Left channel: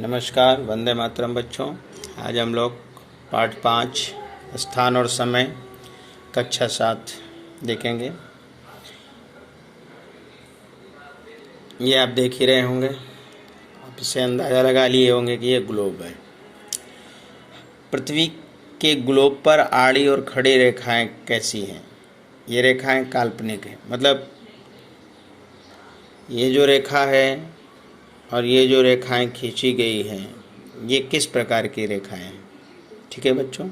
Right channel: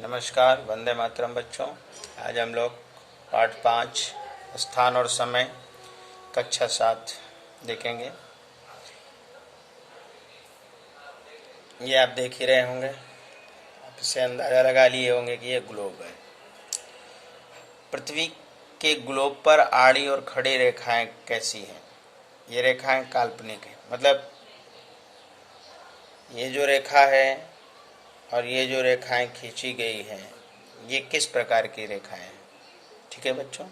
नमस्कार, वंदे मातरम बच्चों। आज हम लोग पाठ 5 स्थान और समय कक्षा 7 देखेंगे। ये आप देख ही रहे होंगे, आप इससे अंदाज़ा लगा लिए होंगे कि ये ग्लोब है। पृथ्वी के ग्लोब पर आड़ी और खड़ी रेखाएं कैसी हैं? ये रेखाएं काल्पनिक हैं, मतलब ये जो रेखा है और ये जो रेखाएं खींची गई हैं, ये किस प्रकार की रेखाएं हैं? ठीक है बच्चों।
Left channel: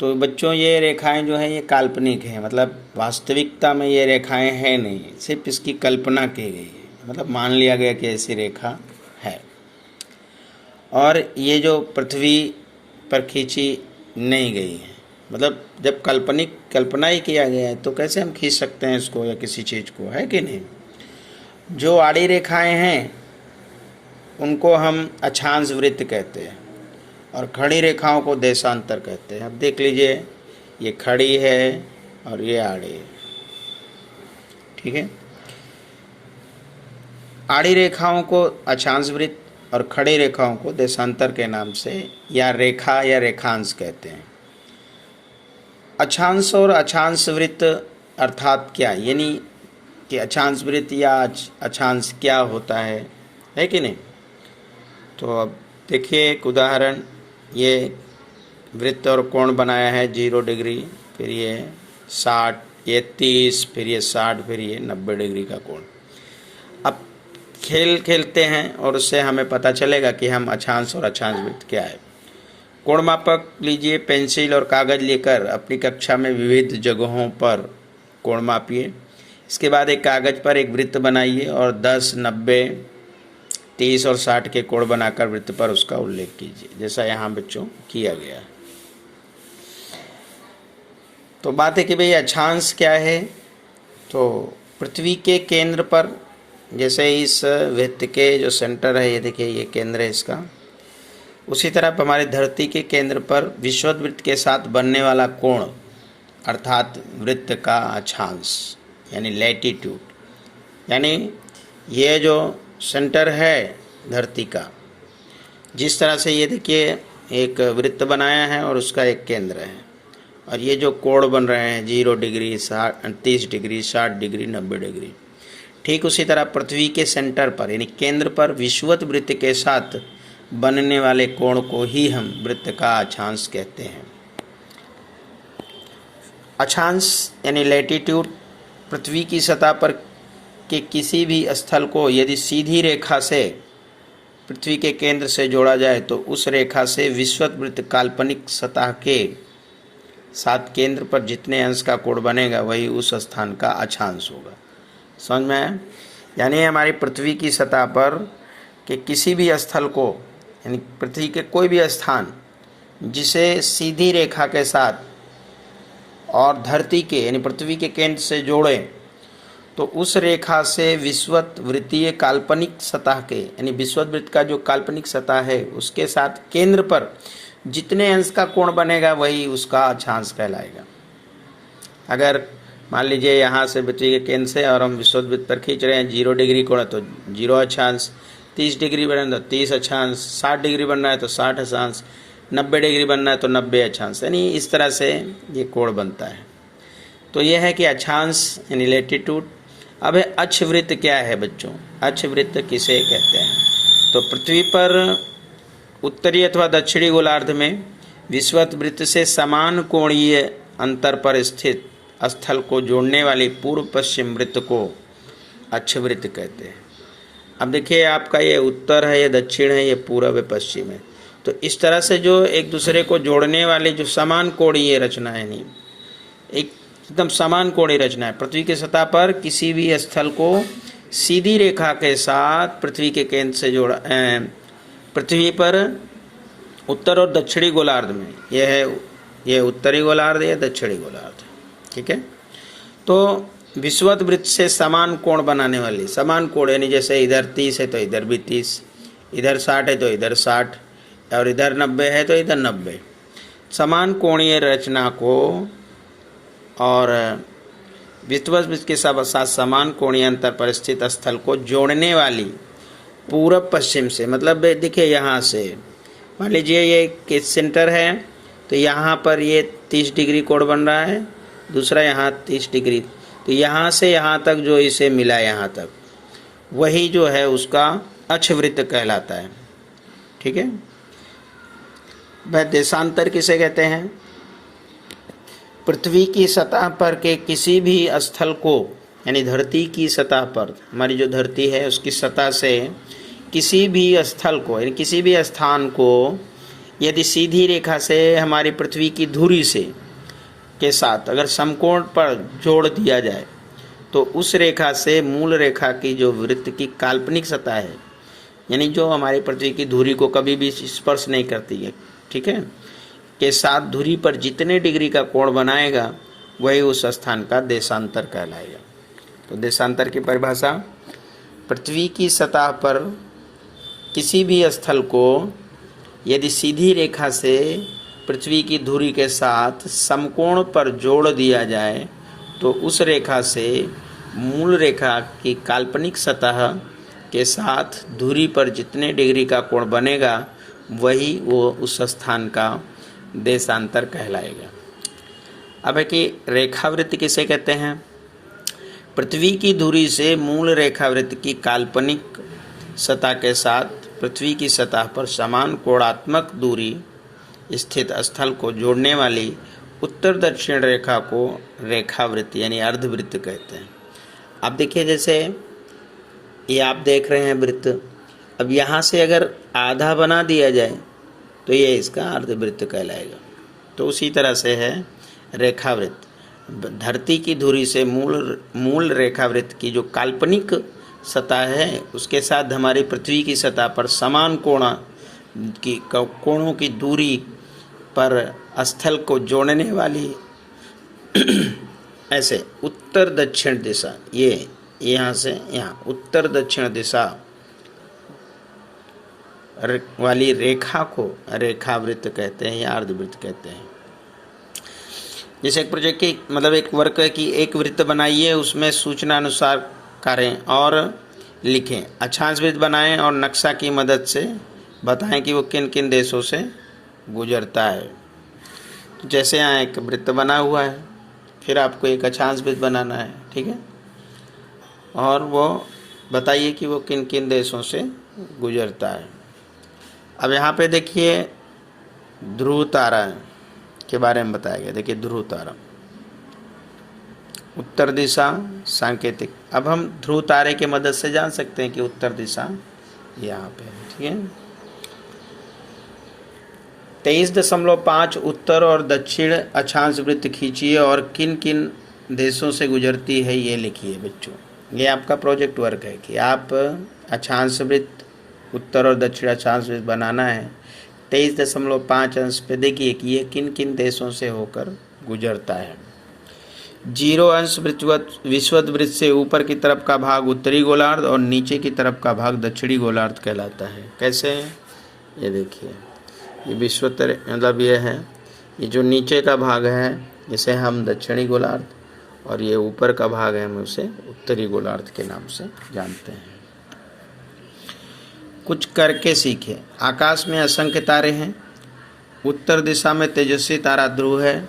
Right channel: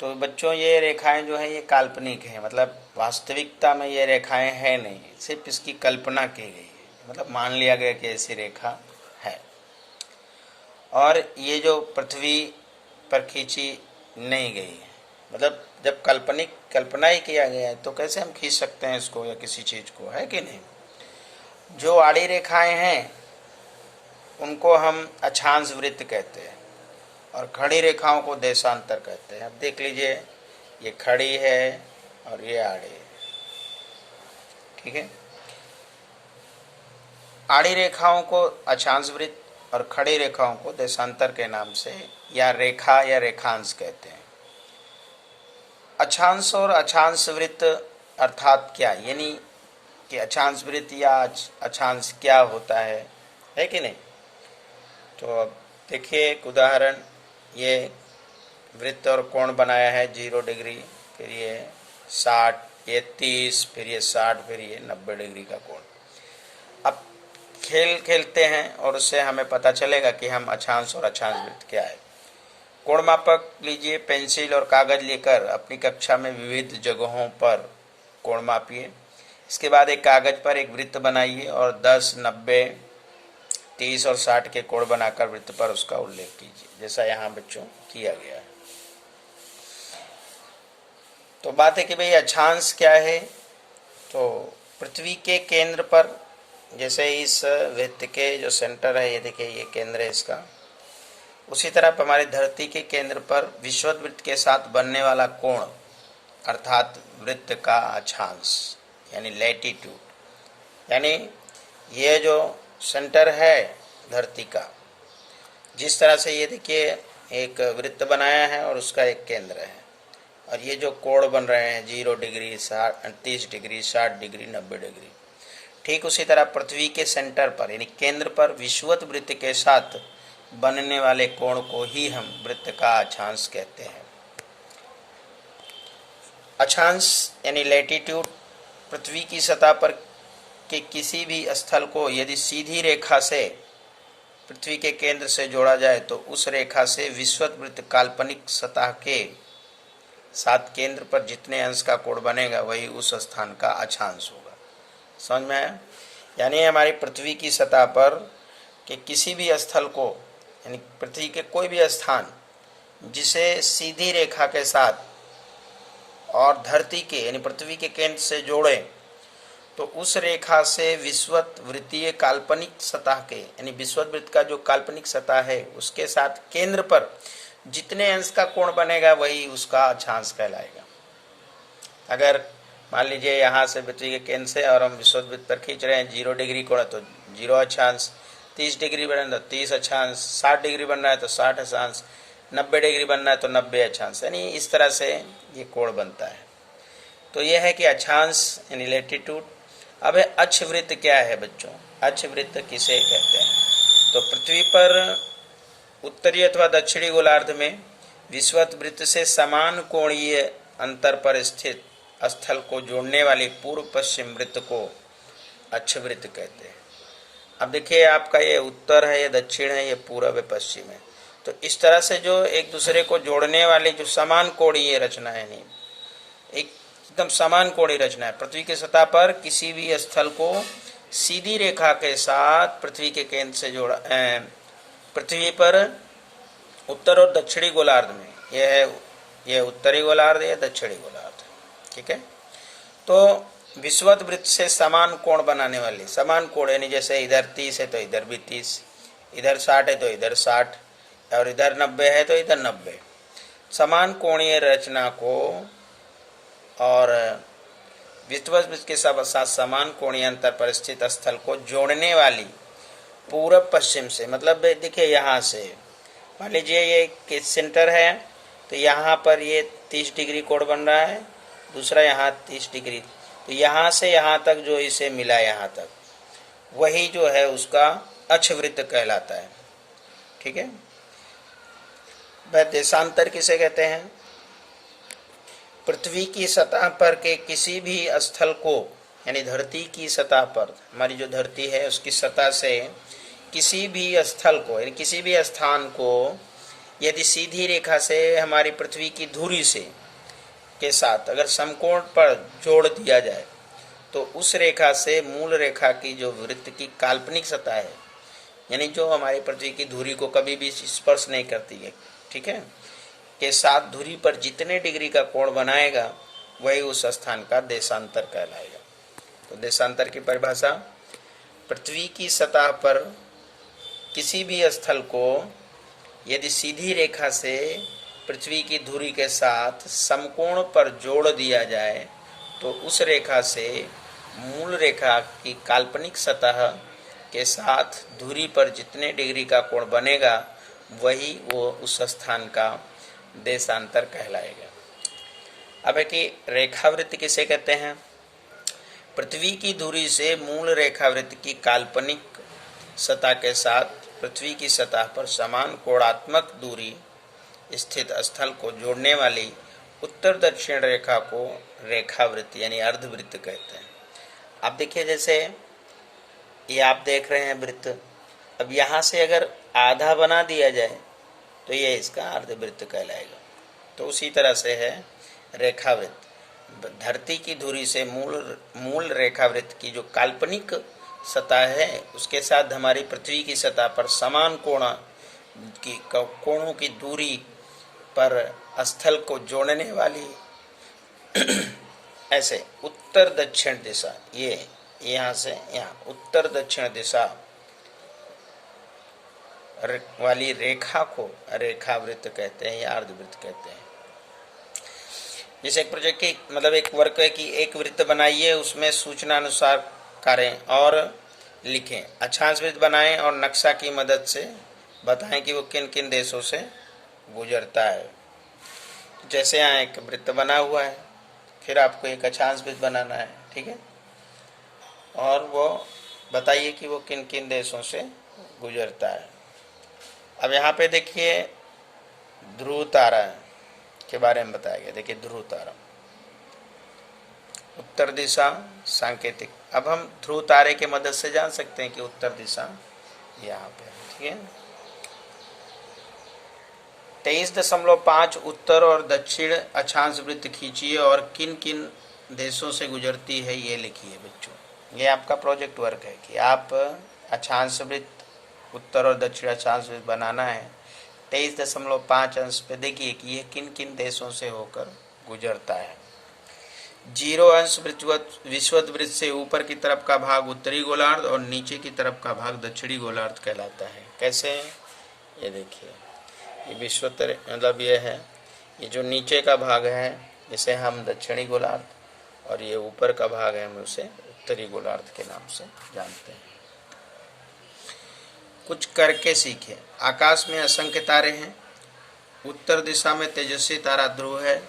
तो बच्चों ये रेखाएं जो है ये काल्पनिक है, मतलब वास्तविकता में ये रेखाएं हैं नहीं, सिर्फ इसकी कल्पना की गई है, मतलब मान लिया गया कि ऐसी रेखा है। और ये जो पृथ्वी पर खींची नहीं गई है, मतलब जब कल्पना ही किया गया है तो कैसे हम खींच सकते हैं इसको या किसी चीज़ को, है कि नहीं। जो आड़ी रेखाएं हैं उनको हम अक्षांश वृत्त कहते हैं और खड़ी रेखाओं को देशांतर कहते हैं। अब देख लीजिए, ये खड़ी है और ये आड़ी है, ठीक है। आड़ी रेखाओं को अक्षांश वृत्त और खड़ी रेखाओं को देशांतर के नाम से या रेखा या रेखांश कहते हैं। अक्षांश और अक्षांश वृत्त अर्थात क्या, यानी कि अक्षांश वृत्त या अक्षांश क्या होता है कि नहीं। तो अब देखिए एक उदाहरण, ये वृत्त और कोण बनाया है 0 डिग्री, फिर ये 60, ये 30, फिर ये 60, फिर ये 90 डिग्री का कोण। अब खेल खेलते हैं और उससे हमें पता चलेगा कि हम अक्षांश और अक्षांश वृत्त क्या है। कोण मापक लीजिए, पेंसिल और कागज लेकर अपनी कक्षा में विविध जगहों पर कोण मापिए। इसके बाद एक कागज पर एक वृत्त बनाइए और 10, 90, 30 और 60 के कोण बनाकर वृत्त पर उसका उल्लेख कीजिए, जैसा यहाँ बच्चों किया गया। तो बात है कि भाई अक्षांश क्या है। तो पृथ्वी के केंद्र पर, जैसे इस वृत्त के जो सेंटर है, ये देखिए ये केंद्र है इसका, उसी तरह हमारे धरती के केंद्र पर विषुवत वृत्त के साथ बनने वाला कोण अर्थात वृत्त का अक्षांश यानी लैटिट्यूड, यानी ये जो सेंटर है धरती का, जिस तरह से ये देखिए एक वृत्त बनाया है और उसका एक केंद्र है, और ये जो कोण बन रहे हैं 0 डिग्री, 30 डिग्री, 60 डिग्री, 90 डिग्री, ठीक उसी तरह पृथ्वी के सेंटर पर यानी केंद्र पर विषुवत वृत्त के साथ बनने वाले कोण को ही हम वृत्त का अक्षांश कहते हैं। अक्षांश यानी लैटिट्यूड पृथ्वी की सतह पर के किसी भी स्थल को यदि सीधी रेखा से पृथ्वी के केंद्र से जोड़ा जाए तो उस रेखा से विषुवत वृत्त काल्पनिक सतह के साथ केंद्र पर जितने अंश का कोण बनेगा वही उस स्थान का अक्षांश होगा। समझ में आया? यानी हमारी पृथ्वी की सतह पर के किसी भी स्थल को, यानी पृथ्वी के कोई भी स्थान जिसे सीधी रेखा के साथ और धरती के यानी पृथ्वी के केंद्र से जोड़ें तो उस रेखा से विषुवत वृत्तीय काल्पनिक सतह के यानी विषुवत वृत्त का जो काल्पनिक सतह है उसके साथ केंद्र पर जितने अंश का कोण बनेगा वही उसका अक्षांश कहलाएगा। अगर मान लीजिए यहाँ से पृथ्वी के केंद्र से और हम विषुवत वृत्त पर खींच रहे हैं 0 डिग्री कोण तो 0 अक्षांश, 30 डिग्री बनना तो 30 अक्षांश, 60 डिग्री बनना है तो 60 अक्षांश, 90 डिग्री बनना है तो 90 अक्षांश, यानी इस तरह से ये कोण बनता है। तो यह है कि अक्षांश यानी लैटिट्यूड। अब अक्ष वृत्त क्या है बच्चों? अक्ष वृत्त किसे कहते हैं? तो पृथ्वी पर उत्तरी अथवा दक्षिणी गोलार्ध में विषुवत वृत्त से समान कोणीय अंतर पर स्थित स्थल को जोड़ने वाली पूर्व पश्चिम वृत्त को अक्ष वृत्त कहते हैं। अब देखिए आपका ये उत्तर है, ये दक्षिण है, ये पूर्व है, पश्चिम है। तो इस तरह से जो एक दूसरे को जोड़ने वाले जो समान कोणीय रचना है, नहीं एकदम समान कोणीय रचना है, पृथ्वी की सतह पर किसी भी स्थल को सीधी रेखा के साथ पृथ्वी के केंद्र से जोड़ा, पृथ्वी पर उत्तर और दक्षिणी गोलार्ध में, यह है ये उत्तरी गोलार्ध, यह दक्षिणी गोलार्ध, ठीक है। तो विषुवत वृत्त से समान कोण बनाने वाली, समान कोण यानी जैसे इधर 30 है तो इधर भी 30, इधर 60 है तो इधर 60 और इधर 90 है तो इधर 90, समान कोणीय रचना को और विषुवत वृत्त के साथ समान कोणीय अंतर पर स्थित स्थल को जोड़ने वाली पूरब पश्चिम से, मतलब देखिए यहाँ से मान लीजिए ये किस सेंटर है, तो यहाँ पर ये 30 डिग्री कोण बन रहा है, दूसरा यहाँ 30 डिग्री, तो यहाँ से यहाँ तक जो इसे मिला यहाँ तक, वही जो है उसका अक्षवृत्त कहलाता है। ठीक है। वह देशांतर किसे कहते हैं? पृथ्वी की सतह पर के किसी भी स्थल को, यानी धरती की सतह पर, हमारी जो धरती है उसकी सतह से किसी भी स्थल को, यानी किसी भी स्थान को यदि सीधी रेखा से हमारी पृथ्वी की धुरी से के साथ अगर समकोण पर जोड़ दिया जाए तो उस रेखा से मूल रेखा की जो वृत्त की काल्पनिक सतह है, यानी जो हमारी पृथ्वी की धुरी को कभी भी स्पर्श नहीं करती है, ठीक है, के साथ धुरी पर जितने डिग्री का कोण बनाएगा वही उस स्थान का देशांतर कहलाएगा। तो देशांतर की परिभाषा, पृथ्वी की सतह पर किसी भी स्थल को यदि सीधी रेखा से पृथ्वी की धुरी के साथ समकोण पर जोड़ दिया जाए तो उस रेखा से मूल रेखा की काल्पनिक सतह के साथ धुरी पर जितने डिग्री का कोण बनेगा वही वो उस स्थान का देशांतर कहलाएगा। अब है कि रेखावृत्त किसे कहते हैं? पृथ्वी की धुरी से मूल रेखावृत्त की काल्पनिक सतह के साथ पृथ्वी की सतह पर समान कोणात्मक दूरी स्थित स्थल को जोड़ने वाली उत्तर दक्षिण रेखा को रेखावृत्त यानी अर्धवृत्त कहते हैं। अब देखिए, जैसे ये आप देख रहे हैं वृत्त, अब यहाँ से अगर आधा बना दिया जाए तो ये इसका अर्धवृत्त कहलाएगा। तो उसी तरह से है रेखावृत्त। धरती की धुरी से मूल रेखावृत्त की जो काल्पनिक सतह है उसके साथ हमारी पृथ्वी की सतह पर समान कोणों की दूरी पर स्थल को जोड़ने वाली ऐसे उत्तर दक्षिण दिशा, ये यहाँ से यहाँ उत्तर दक्षिण दिशा वाली रेखा को रेखावृत्त कहते हैं या अर्धवृत्त कहते हैं। जैसे एक प्रोजेक्ट की मतलब एक वर्क है कि एक वृत्त बनाइए, उसमें सूचना अनुसार करें और लिखें, अक्षांश वृत्त बनाएं और नक्शा की मदद से बताएं कि वो किन किन देशों से गुजरता है। जैसे यहाँ एक वृत्त बना हुआ है, फिर आपको एक अक्षांश वृत्त बनाना है, ठीक है, और वो बताइए कि वो किन किन देशों से गुजरता है। अब यहाँ पे देखिए ध्रुव तारा के बारे में बताया गया। देखिए ध्रुव तारा, उत्तर दिशा सांकेतिक। अब हम ध्रुव तारे की मदद से जान सकते हैं कि उत्तर दिशा यहाँ पे है, ठीक है। 23.5 उत्तर और दक्षिण अक्षांश वृत्त खींचिए और किन किन देशों से गुजरती है ये लिखिए। बच्चों, ये आपका प्रोजेक्ट वर्क है कि आप अक्षांश वृत्त उत्तर और दक्षिण अक्षांश वृत्त बनाना है। 23.5 अंश पे देखिए कि ये किन किन देशों से होकर गुजरता है। 0 अंश विषुवत वृत्त से ऊपर की तरफ का भाग उत्तरी गोलार्ध और नीचे की तरफ का भाग दक्षिणी गोलार्ध कहलाता है। कैसे? ये देखिए, ये विषुवत मतलब ये है, ये जो नीचे का भाग है इसे हम दक्षिणी गोलार्ध और ये ऊपर का भाग है हम उसे उत्तरी गोलार्ध के नाम से जानते हैं। कुछ करके सीखे। आकाश में असंख्य तारे हैं। उत्तर दिशा में तेजस्वी तारा ध्रुव है।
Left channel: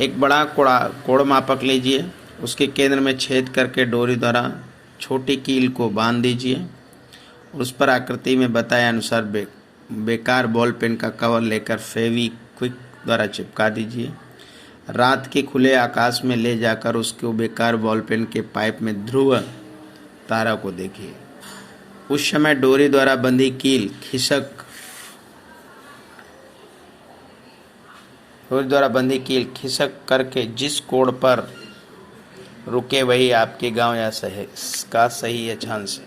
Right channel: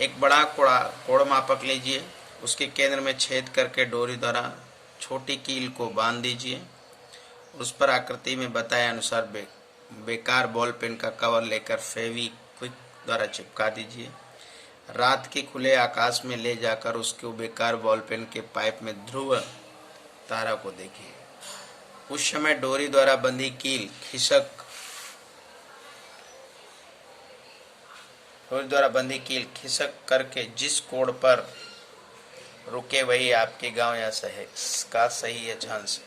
एक बड़ा कोण मापक लीजिए, उसके केंद्र में छेद करके डोरी द्वारा छोटी कील को बांध दीजिए। उस पर आकृति में बताए अनुसार बेकार बॉल पेन का कवर लेकर फेविक्विक द्वारा चिपका दीजिए। रात के खुले आकाश में ले जाकर उसको बेकार बॉल पेन के पाइप में ध्रुव तारा को देखिए। उस समय डोरी द्वारा बंधी कील खिसक करके जिस कोण पर रुके वही आपके गांव या शहर का सही अक्षांश है।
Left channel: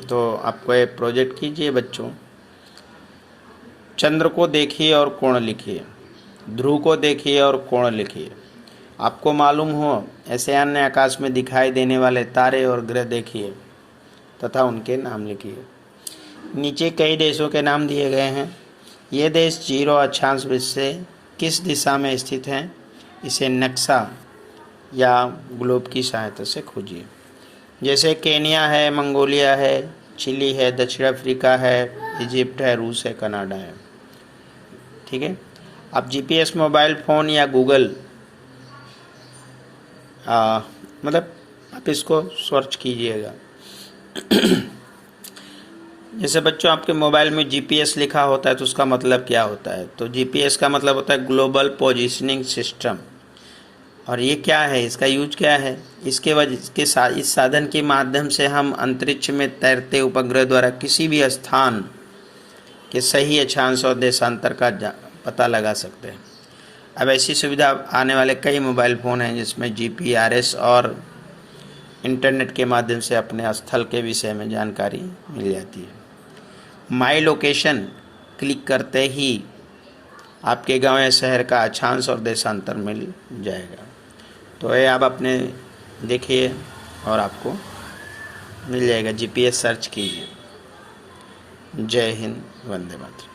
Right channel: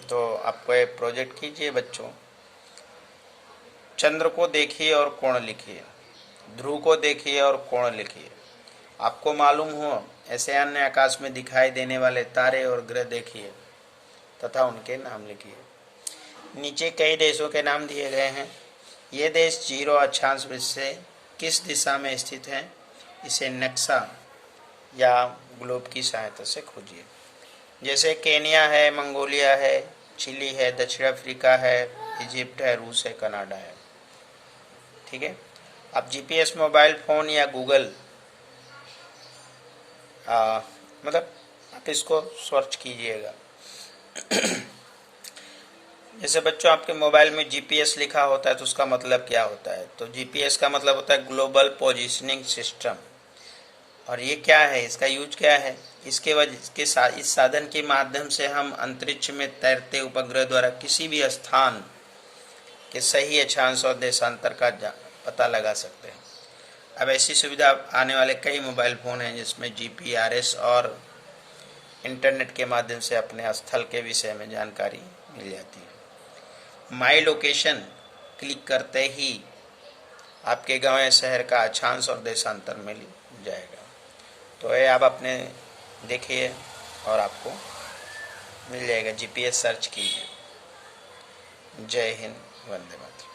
तो आपको ये प्रोजेक्ट कीजिए बच्चों। चंद्र को देखिए और कोण लिखिए, ध्रुव को देखिए और कोण लिखिए। आपको मालूम हो ऐसे अन्य आकाश में दिखाई देने वाले तारे और ग्रह देखिए तथा उनके नाम लिखिए। नीचे कई देशों के नाम दिए गए हैं। ये देश 0 अक्षांश वृत्त से किस दिशा में स्थित हैं, इसे नक्शा या ग्लोब की सहायता से खोजिए। जैसे केन्या है, मंगोलिया है, चिली है, दक्षिण अफ्रीका है, इजिप्ट है, रूस है, कनाडा है। ठीक है। आप जीपीएस मोबाइल फ़ोन या गूगल मतलब आप इसको सर्च कीजिएगा। जैसे बच्चों आपके मोबाइल में जीपीएस लिखा होता है तो उसका मतलब क्या होता है? तो जीपीएस का मतलब होता है ग्लोबल पोजीशनिंग सिस्टम। और ये क्या है, इसका यूज क्या है? इसके वजह के इस साधन के माध्यम से हम अंतरिक्ष में तैरते उपग्रह द्वारा किसी भी स्थान के सही अक्षांश और देशांतर का पता लगा सकते हैं। अब ऐसी सुविधा आने वाले कई मोबाइल फ़ोन हैं जिसमें जीपीआरएस और इंटरनेट के माध्यम से अपने स्थल के विषय में जानकारी मिल जाती है। माई लोकेशन क्लिक करते ही आपके गांव या शहर का अक्षांश और देशांतर मिल जाएगा। तो ये आप अपने देखिए और आपको मिल जाएगा। जीपीएस सर्च कीजिए। जय हिंद, वंदे मातरम।